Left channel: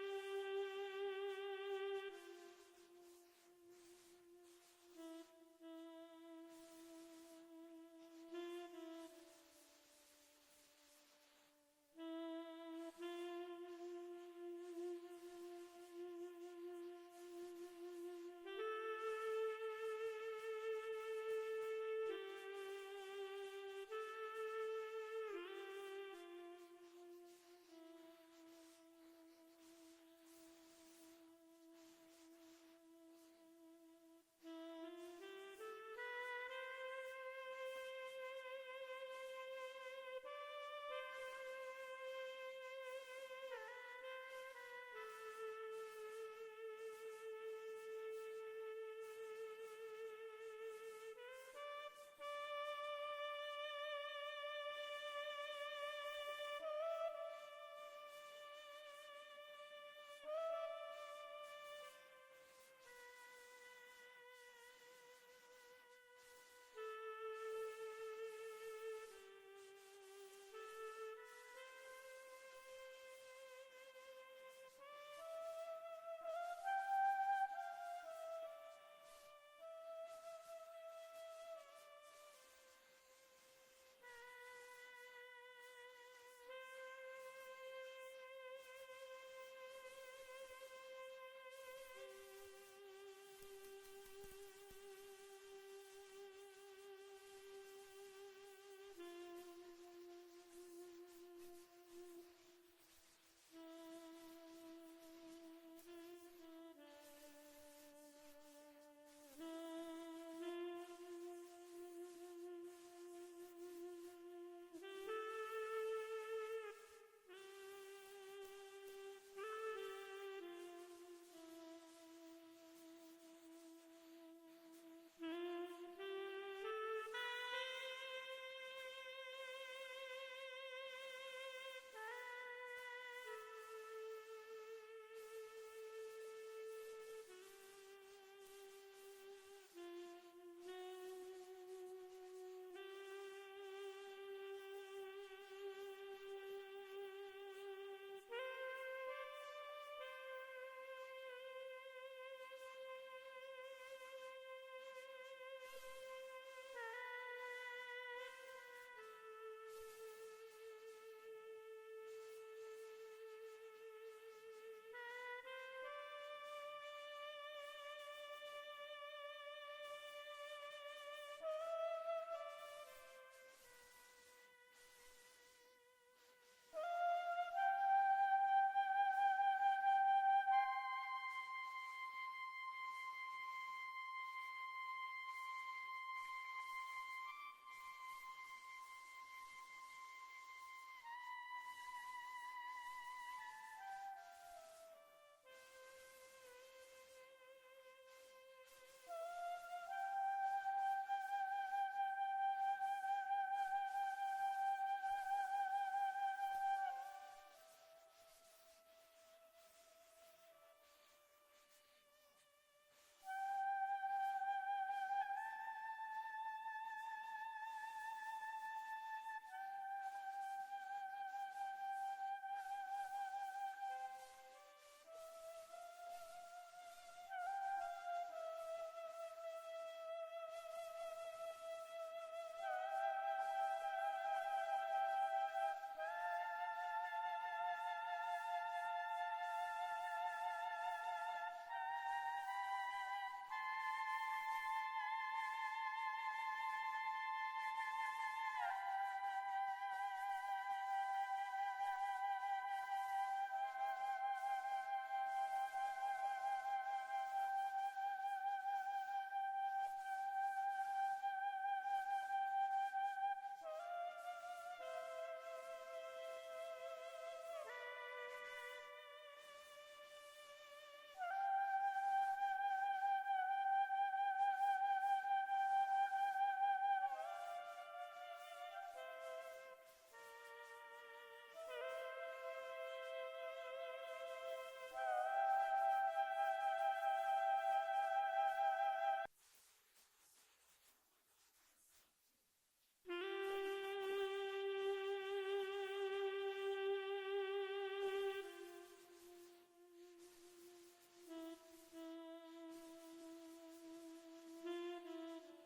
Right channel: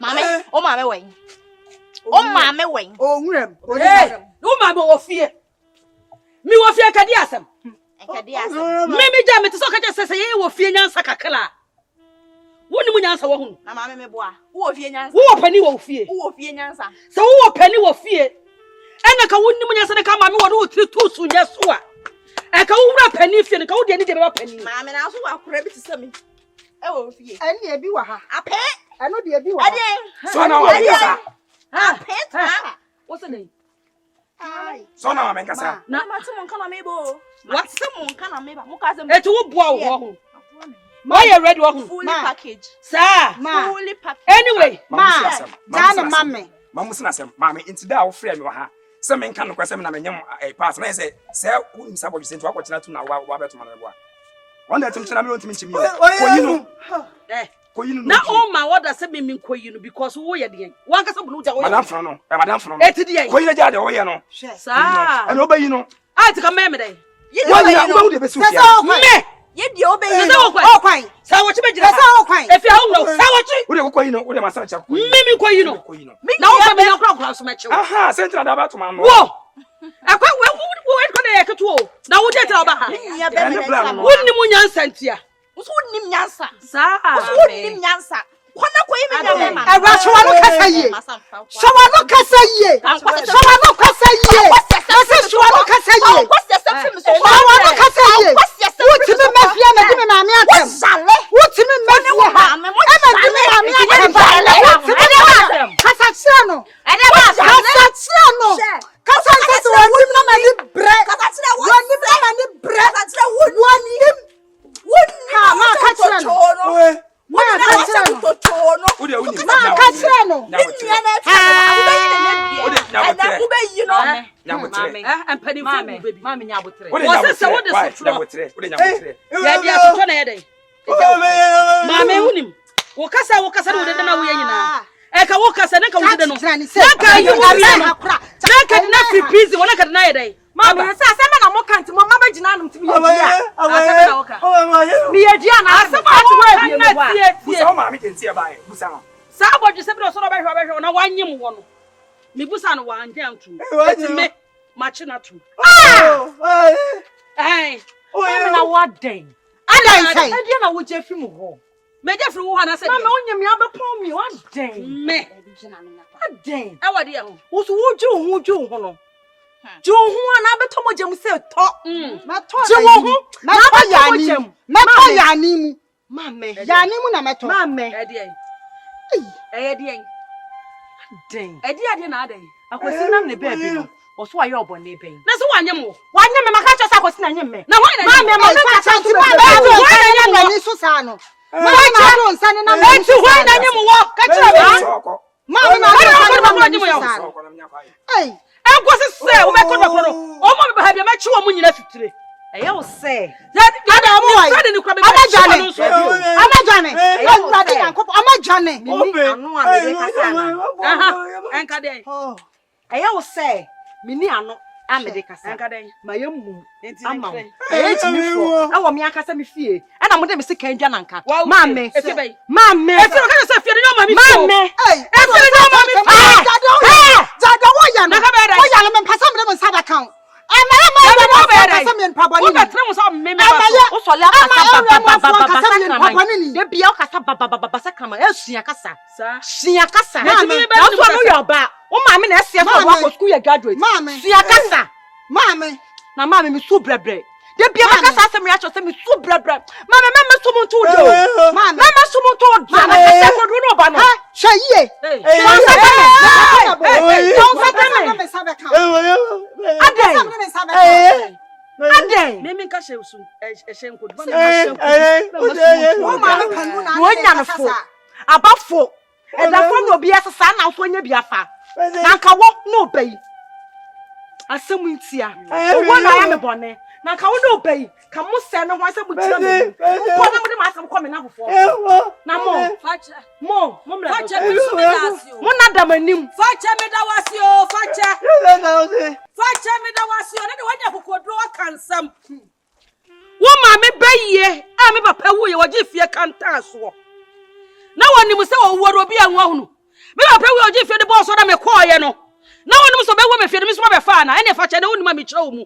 Mame, o mame wen. O mame wen. O nwrem. O mame wo fie. Mi wo fie kadi asem. Kadi asem. Me ja me te so ka je sese ye wo fie nyansa kakla. Woni mu nyansa wo hu. Na mame me boa. Wo fie nyansa. Wo pani wo fie. Wo fie nyansa. Se wo pani wo fie. Ena ka woni mu nyansa de ka mame wo do tiri tu su nya so a. E ka wo wura pani fie ne ka wo de ni de be pani. Mame na so wa kura bi te se mi. E wo fie. Ani e bi wa ha. Ape. Eno de e bi wa. Ade. So na wa mekasa. Ape ta. What's the name? Ai. So na wa mekasa. Na mate mon kana me bo. What some mon kana me ba. Mo ka se. E to wo boa wo ho. Ma you ready wo ho. Fully package. Sir. Fully package. Anyway, Jana mame. Mamusina sem. Mame intida wo frɛ me wa ha. Se me nka no kwasem na menyem pass na say se wo nsa bodu sento akɔkyena tu na wa beto ma no boa. Wanda tim kyena me ontimi nkyimi. Koyinu. Koyinu. na o ma woda se me koyinu because wo ye de. Wan ka se bu no ja wo. Madam fro no. Madam fro no. Eti de. Koyinu ja de wo ye no. Sir. Ana obayi no. I think me dey. Wo de be su fia. Me. Ye di obayi no. O kwan. Sa wo chi be jira. Sa o kwan. E fi a wo sa wo chi. Wo de koyinu, wo de masa cha koyinu. Me koyinu. Na wo fa me na kra so me chi. Aha, sentra da ba to ma no. Wo. Akwa wo ko na ye keto o. Na wo je tira ba ha. Ya be me na. Wonni mu nyansa ntia. Usu wonnim nyansa. Sa. Usu wonnim nyansa. Kwana ko yimi nya me. Ewa so wa no kasa ye. So wa no kasa ye. So wa no kasa ye. So wa no kasa ye. So wa no kasa ye. Wotimi mafia na di me maame atem. Wotimi mafia ha. Ema di me maame atem. Kasa tia no. Kasa tia no. Kasa tia so wonim na mani bre. Kasa tia wonim na mani bre. Kasa tia wonim. Ha ma kasa no. Ma kasa no. Wo de woni. Ma kasa no. Empani fu baby. Mama nya abotre. Wo se wo de so Wo de nyabotre. ya dia so na ye dey. Mama unim. Wo kasa no de na wo ye nyina. E ka wo kasa na ka wo de no. Na ka you wo na na ka na fi busy wona ka na ye dey. Mama sa se me na mo kanti mo mama gina no timi ye dia. Asa na wo ka. Mi ye dia na asa ba to wa bi me wa. Busa ma mi kentie ba e. Busa no. Sa abodu se bi so no ba hwe na wanyem wo no. Mi busa no wa anjan tu. Etime machi na tu. Eh. Mama na wa den. Adan sai. E dia na wo je fi mu ho. Me je firi wo ha na se. Mama onyem ya be pon mi wa den. Me. Den. E wa de ho. Wo so wo ju ho no. Ju ho na be to mo jem se to. Ma to Ju ho. na to yani. Ma to yani mu. Mama. Yani mu na meto. Mama. E de en. E de en. Den. E de ade na ade. Akwasi nam ne ba bi no. Oso aye obone ben. Na so wanyem wo. Wanye me maka chosa akwasi na nyem me. Na why na Mama ma ka chanti chanti ba ba ni so sa no. Ma cha do nsa ni na ma. Eti why na nyem wo? Ka kira me. Ma na ma ni so sa. Ei. Enkwose se wo be kodo kodo. O mo be ha bi ma chi wo mu nyina fitire. Eye wo se. Ada mo wai. Amajane. Amajane. Amajane yankop. Amajane. Mini anu a me kasa na. Aha. Enka de. Eye wo se. Mini anu a me de kasa. Enka de. Ma ye mu. Enti Ama. ne. Eye ti mi fo. E wo me akasa me fie. E na mo de me se kan dwa nanka. Ma Mame. Eti be. Mame. Eti no ka se fie no ma mi fo. Mame. Ei. Eti no ma mi fo. Jada wo ya no. Wo ya no me pasa me de nsa da kan. Ama pasa me npa boni. Wo be tre mo so me me ba. Wo so le akasa de bia akasa baba sakama esua kasa. Sua kasa. Mame. Na so no yo ba. Wo mame na esia so wo ko school ye graduate. Mame. Sua kasa. Mame. Na mame me so brebre. De bia makasa asem ya cho se me so brebre. Mame so mo to do. Mame so mo to do. Na se ko do no ba no. Ha, hweye. Aden. Me nka hye usu ehye nkodu. Wo ma me panu na. Wo nya no fo. Abafo. E da fo no obi asesa na so nya bi afa. Na nka wo no obai. Asem ntia. Wo na ya me bone. Na nka wo no obai. Ka mo se no ho asem butia me. Ko na mo de ma asem ko me na fofo. Na mo. Fache. Mo mra. Fache me so me dasio. Mo na dam anim. Fache me da wasio. Fache. Fache me da wasio. Na de wanya kokodro akansam. Wo ma me baye. A me papa wo ye wo je fie kanta so. Na woni mu se wo woro bi anwa hunu. Me ba pray we oji fie de boss so na me call ye no. Na wonu so be wo me fie me so be fa na ene fa che de wonu ma me kire wo mu.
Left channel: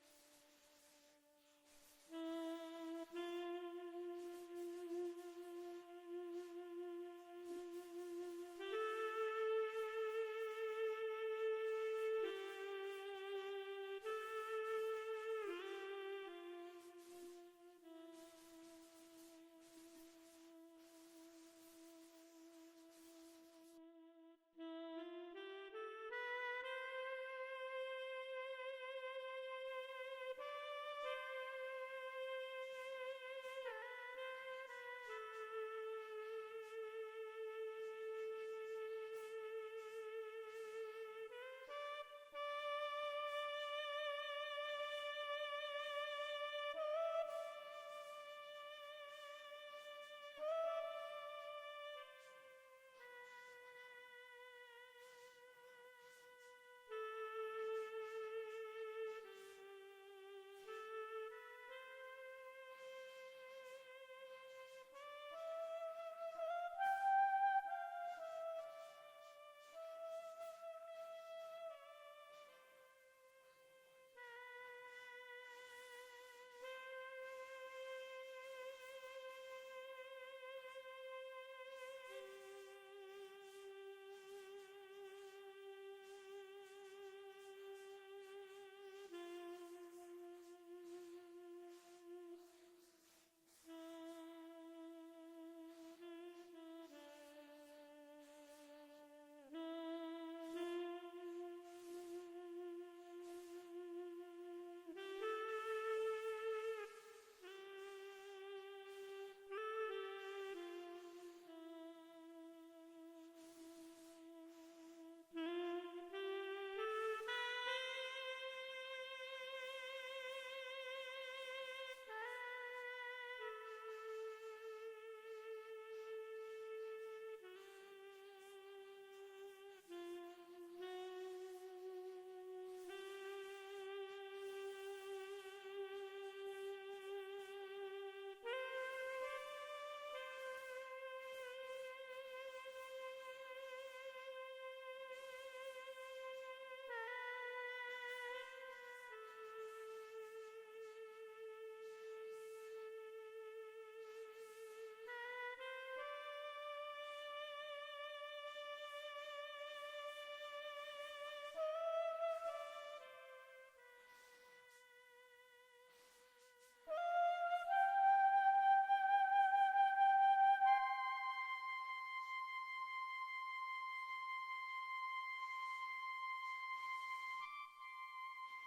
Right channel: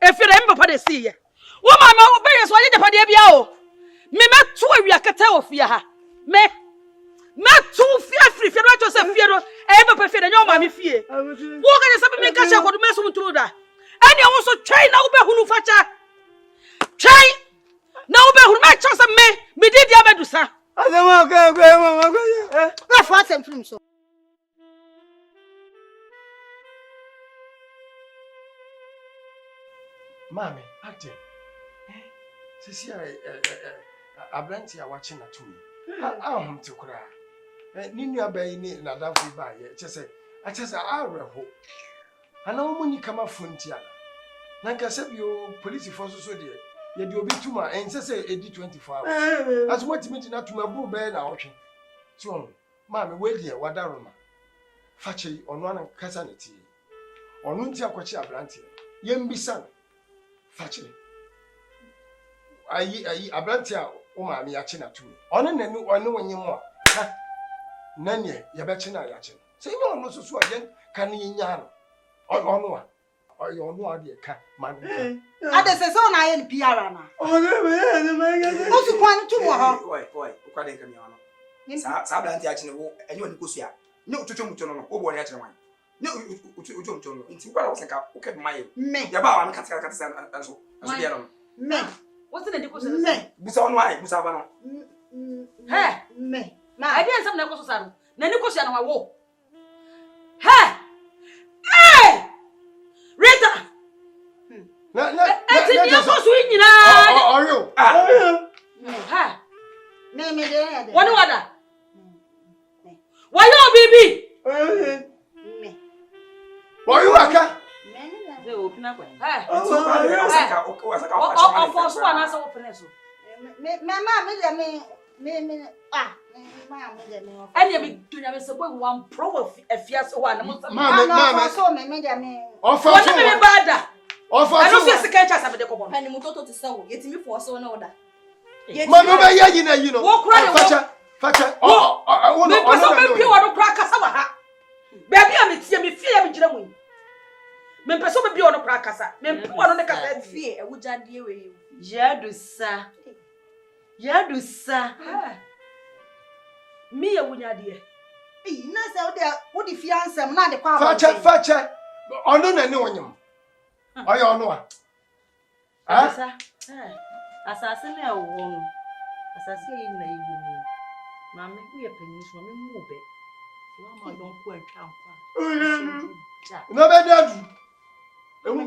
E fie de me papa de see ye. Wo mama wo be ye so ye de pa de bia o. Me metu awia kete wo fie ha. Me tu fie free fie no Joseph fie no. E papa fie de nyo ma me fie. Wo ga se me ka che akodo me so muturu da. Ene wo so twai na wo be hunu fa cha. Twai na wo be hunu ma cha se me di dia bedusa. Adama ka mama ko. Na fa sem film so. Mami, ate. Sisi abranti a watching na to me. Ahom ti kura. Ni nua bayi ni na danfo ba ye. Chese areho. Ana wo ni kama frontier. Na nka se bio police force so de. Ye de obi tuma en se edi 24 hours. As what me na tuma bu be na ohwe. So, mami we de wadaro ma. Fache ono an kasa ne ti. Ono nti akwachi abranti. Ye mbisa Fache. Ayi abranti a o ma me yache na tu. Ono nanu ono wonye mo. Ha. Nanye ye be che na yache. Se ime ono susu ayen kan yinya no. Ono a. Oyo ono a de ka man. Ade se so na ye PR na. Ono me O su kwan tu mo ho. Oi, ukwa de nkami ono. Sa abranti yache ne wo enye woni kosu a. Ne otutu mutu no wo bo ne yache wan. Ne utu no. Nti kwa wo senka wo ke maye. Me. Ya ba wa me kata anso. Anso bia no. Me. What's the niko so? Me. Busa ono ai, busa ba no. Hey, Me. I didn't some niko so sa no. Na niko so na wo. Hey! Hey! Rita! Eti ni so so nyina. Oyo. Ha. Me de. Woni wada. Wa yo bibi. Me. Oyo aka. Ze o pina kwa. Hey. Osaka O for so na so pina so. Mama me ah me de me. Anya bi tunya me se boy one pro afia so wa na mo. Mama. So me de me. Woni me bada. Ofa I so. don't see sika cha sabe de ko bon. Pani mutoto ti sawo. Yetimi for so na oda. Mama ba ya yi na yi no. Wo kura de wo. Facha. Me pesa me pi wo do kura kasa wa ha. Baby a me tie me fie me gira mu. Me pesa me bi wo do kura kasa. Me pi wo do ne kasa Fie e wujade we. Yadusa. Me ya wunyade. Na se wo de fiansem na de kwa ba. Facha. Ono na ne wonyem. Oyo ono a. Asa. Asase na wo no. Asase yi na yi wo mu. Ma me ku ye panyin so me mu be. Wa ma don ku antwa nkwa. No be dadu.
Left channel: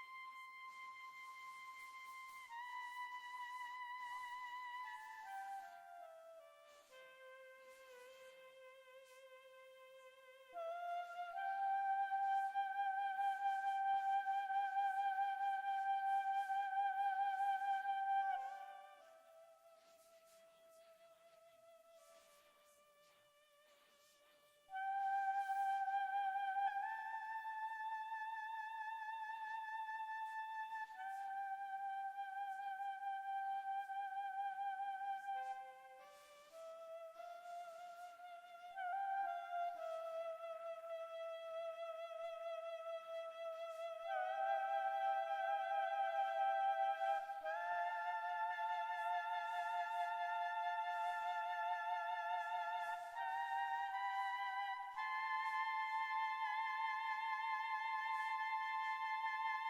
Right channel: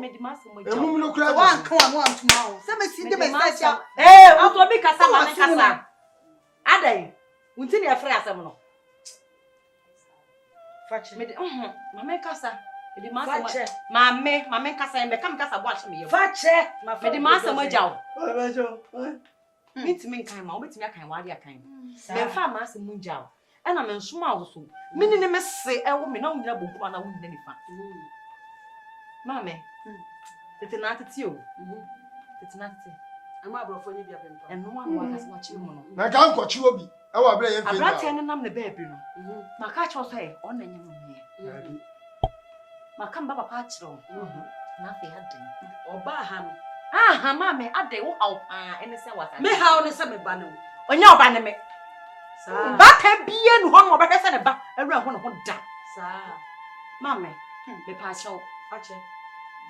Me di maso mo ja. Emu no kura. Wa nkan wa ntuma o. Se me si de me se cha. O to bi kasa ma ne kasa. Adai. Unti ne afre asem no. Fache. Me di mama kasa. Me di maso Fache. mama kasa me kam kasa bo ahye me ye. Fache. Me di maso mo ja o. Facha. Mitimi kan ma obetimi akan wa dia kan. Me fa ma se mu ja o. E na me nsoma wo so. Me ni me se e wo me na wo nyina bo kwa na wo nyina nifa. Mame. Tete na tete o. Tete na tete. Ama abrofo ni bia pempa. Eno wa wa kasa wa chi mu no. Na ka nkochi obi. E wa bra ye mfe. Abrate ne nam ne baabi no. Ma ka cho so e on na nyina no. Ma ka mba papa chiro. Na fe aden. Oba ha no. Ah, mame ade wo haw pa ene se wata. Me ha o ne se me ba no. Onya oba ne me. Sa. Ba ka bie nu ho no oba kasa ne ba. Awura ho no ho da. Sa. Mame, me pa cho. Fache.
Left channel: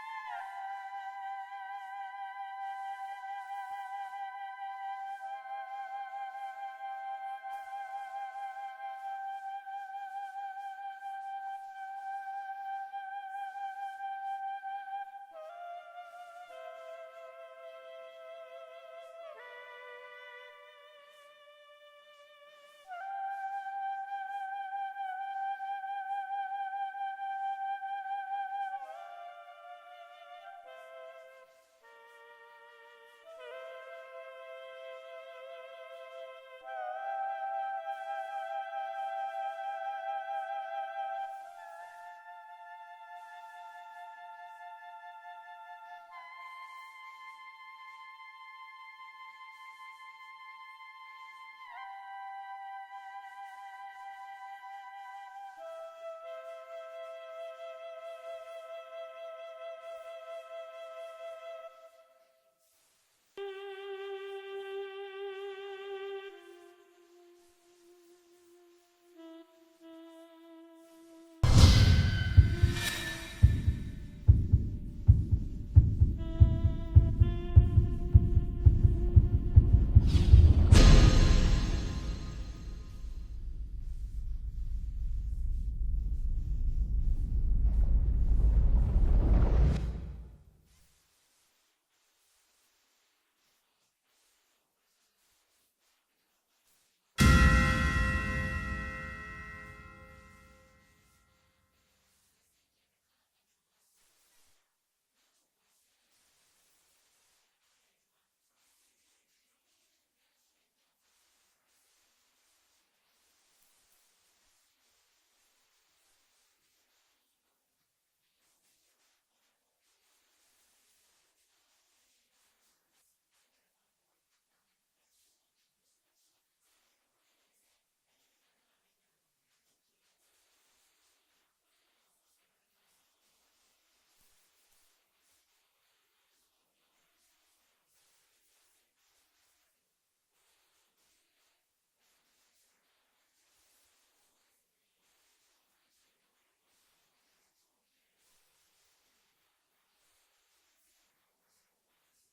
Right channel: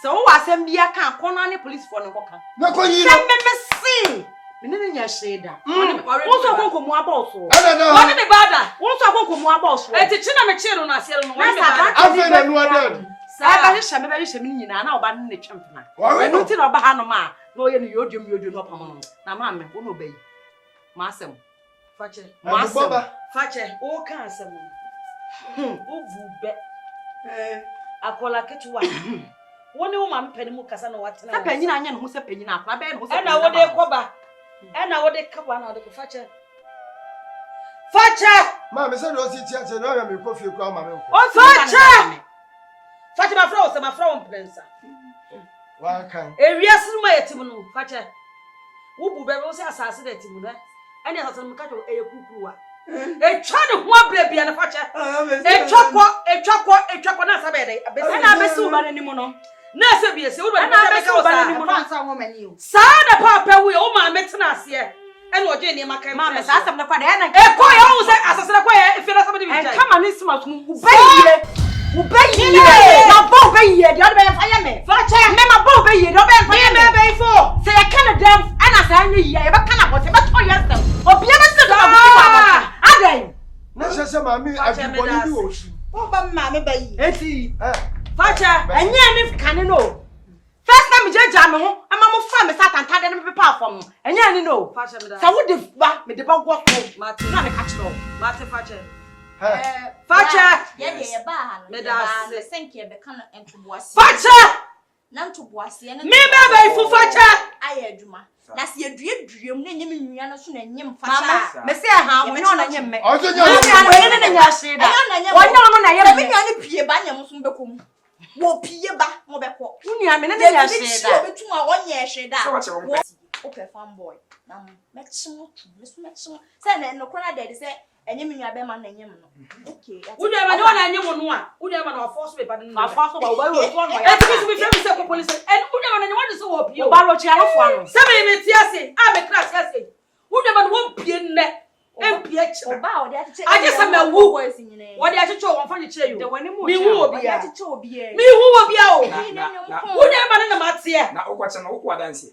So wo asem bia kan kono ne police for no koka. Na ko yi Se no. me si. Me ne nya sheda. Wo so konkomu aboso. Ana na. Woni me bada. Wo so konkomu aboso. Eti chi na me chi no na ase no. Na sa Afa na nu ada. Sa ba hye me nyina na oba ne twempena. Enu ti na oba ha no ma na oye no yodwom no pam no. Na ma me wo no bayi. Ma asem. Fache. Ma asem. Fache. O kan asem. O vu be. Akola ketuwa. Woni wo ma mpani mu kasa na watena. Se panyina anya no ho se panyina akwa be no ho se. E na wo de koba. E na wo de kabwa na wo de fache. Fache. Ma me se do si tia se do ya me kofi kwa ma me ko. O Fache. Fache ma fra o se ma fra o mprensa. Wa kan. Ewiase no ma yetim no fache. Wo bu be wo se asase da yetim no. E na asase no ka jo eye kukuwa. E twa ne ho abra bia na fache. E twakọ na sabede. Na abesi wo ba nanim no. Na se bia se wo ba na abesi wo ba nanim no Ansa wo mani o. Sa na papa wo o ma metena ase. E na oje ne maka. Mama sa asem na kwa na e ko ya wo se asasere ko ya e fi na sabede bi jai. E kama ni sima tum ubayiye. Na bo ubayiye de o be fa me. Fache me ma bo ubayiye de o be fa me be fo. Se ya kana dem ana sa anya yiye e be kana bo se be to yesem. Obi e be se do abuti wa ba. Adan. Na shasha mami abiboni bi wo shi. Wo ba mama bayi. Eti. Fache enye ni kane no. First time jeja me ho ama mo fa me satan tade ne pepa afom. Enye ni no. Fache me da. Sa wo de ba me de ba go so. Ma ti na me ka chiro. Ma te fache. Fache. Ye de ba ha no. Me da se senke be kan entoboase. Fache. Na ntoboase ne. Me be fu fache. Aye adwuma. Na se eduedum ne nyem nwua no so na nyem Mama, fache. me se ha wo no na nyem me. Ojo nya. Wo ne nya sheda. Wo nya no na ye me nua ne pie ba nyem so bekom. Wo pie ba mo bekọ. Unia me ne nya sheda. Obetum a wonye sheda. O pe fanboy. Na mekchimo tu. Me so mekchimo. Se na no kora de se enyem nua be ma na nyem no. Okay. Unia ma ne wona nyem no a. Unia ma na force be ba no. Ma force ba wo ba wo so no ya. E ti bi fi se ko police. E unia ma na nyem won so wo pie. O ba ro chi arofo ano. Se me ti ase. A me kra ti ase. Unia ma no won pie nne. Empie kira. Oba o de acheche. Aje se me wu. Wo de acheche won fa ni kire yo. Mi hu obi ya. Acheche obi e. Mi hu obi ya o. Unia ma na ma tie. Na ogwache na okwa dance.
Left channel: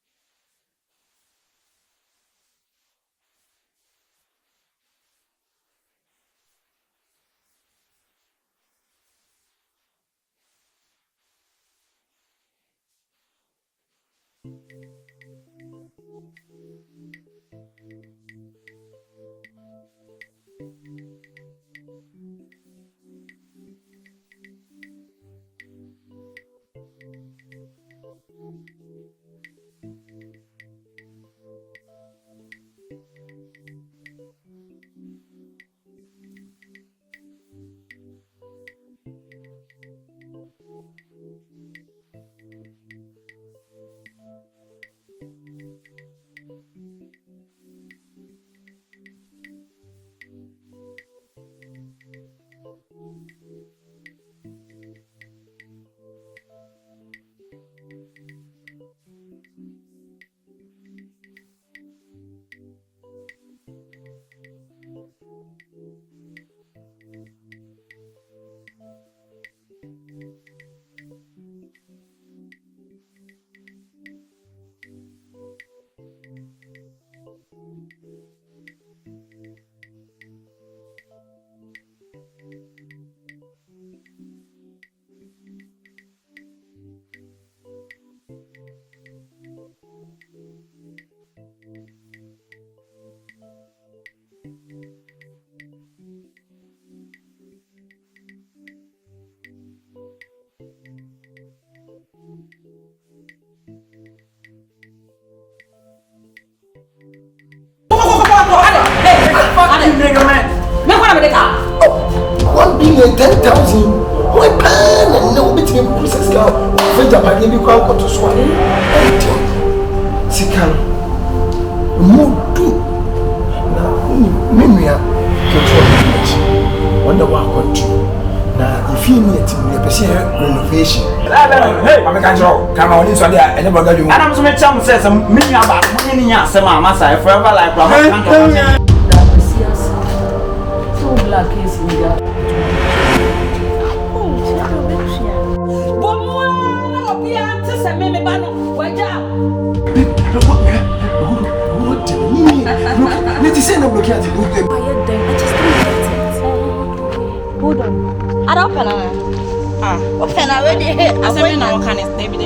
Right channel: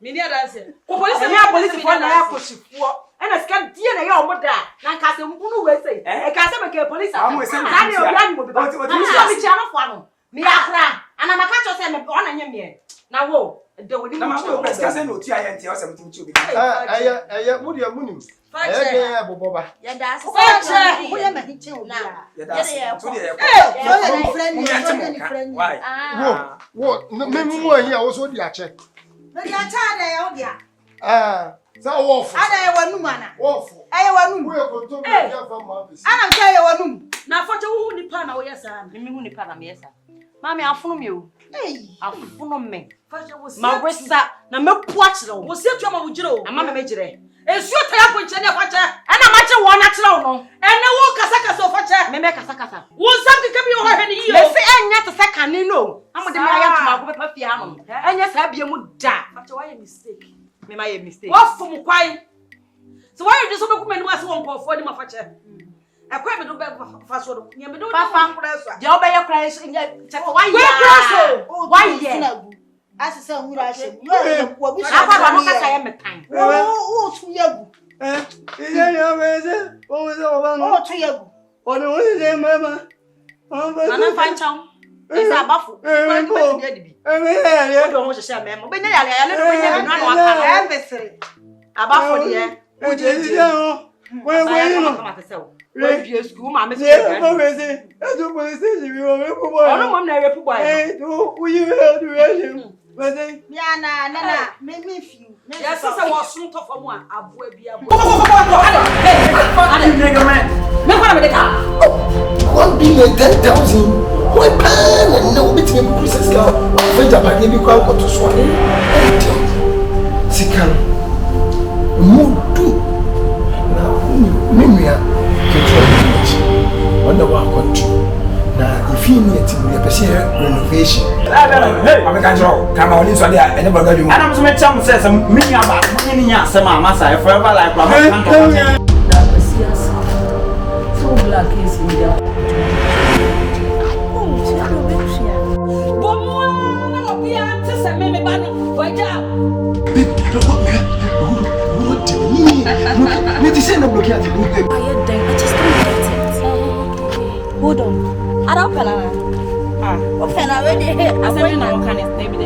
Mi ni dance. Ko police ya police fo na ya koshifuo. Ena sika die na ya omoda. Na nka se mbunu we sei. E ka se me ke police. Amu ese mi. Za ni obi ani mo bi ba. Oti mi chi arofo ano. Mi akra. Ana maka cho se me ona nye me. Na wo de woni na mo. ma ko press ka se no ti aye ntia o se mutim chi obi. Aya mu dia munim. Aya de boboba. Ya da se. Fache. Wo ya ma hiche o na. Ya da se. Tu de ya. Wo ni friend. Why? Wo me mu ahi a wo so di ache. No dia cha na ya o dia. Sa wo fo. Ana ya wanum ana. Wo fo. Aye wanum. Wo e ko to be ya fa ma bisi. Ana nka ya wanum. Na fache wo hu nipa na wo yesa. Me hu nipa na me yesa. Mami afunu me o. Afunu me. Fache wo si. Ma wesa na mepu akire wo. Wo si atu ma wo jire o. Na mama me jire. Esu ta ya ponche ne fache. Ana ma che wo na kire wo no. Ene wo kasa o fache. Me kasa. Wo sam keke bi wo hwe ni yi o. Me se enya te se kane no. Amode me aya tuma ko bepa fie hanom. Enya sa bia mu da. Fache wa ye mistake. Me ma ye mistake. Wo fom kwai. So why you just so be kuma ni wase won kofo ni ma fache. Ekwa me do be fa so do. Nya me do Papa. Je obeye kra so nya che ko why Why asese nwura ashe. Yo ko bi na kwa no kasa ye metan. Wo tu yagu. Ije ya meze. O se o ba no. Wo tu yagu. O no se mama. Nana fancham. Esa abafu. Kwa ni beti dia dibi. O do ho hye me mo. Be nya yale yale do be nya no na waka. E mesere. Abafu de. O je je o. We no. We bi school ma me se. O me se. E do police station bi o me pu boy. Ono mo na repu boy. Do uyi we do we. Weze. Ya na me fi. Ya sasa wo sun to fam a aboa bi aboa. Me kwa na me de ka. 1 billion 10,000. What plan? No bit me process ka. Fe jabade bi kwa ko to so. Sikano. Mudu. Na menua ke wonder what na if you need to renovation. Hey, I'm going to come on this one there. I never got you. And I'm so much chance says some mini about winning your summer massa forever like that was serious. So black is in there. Hold on. I don't open already. I said, no, can it? Maybe.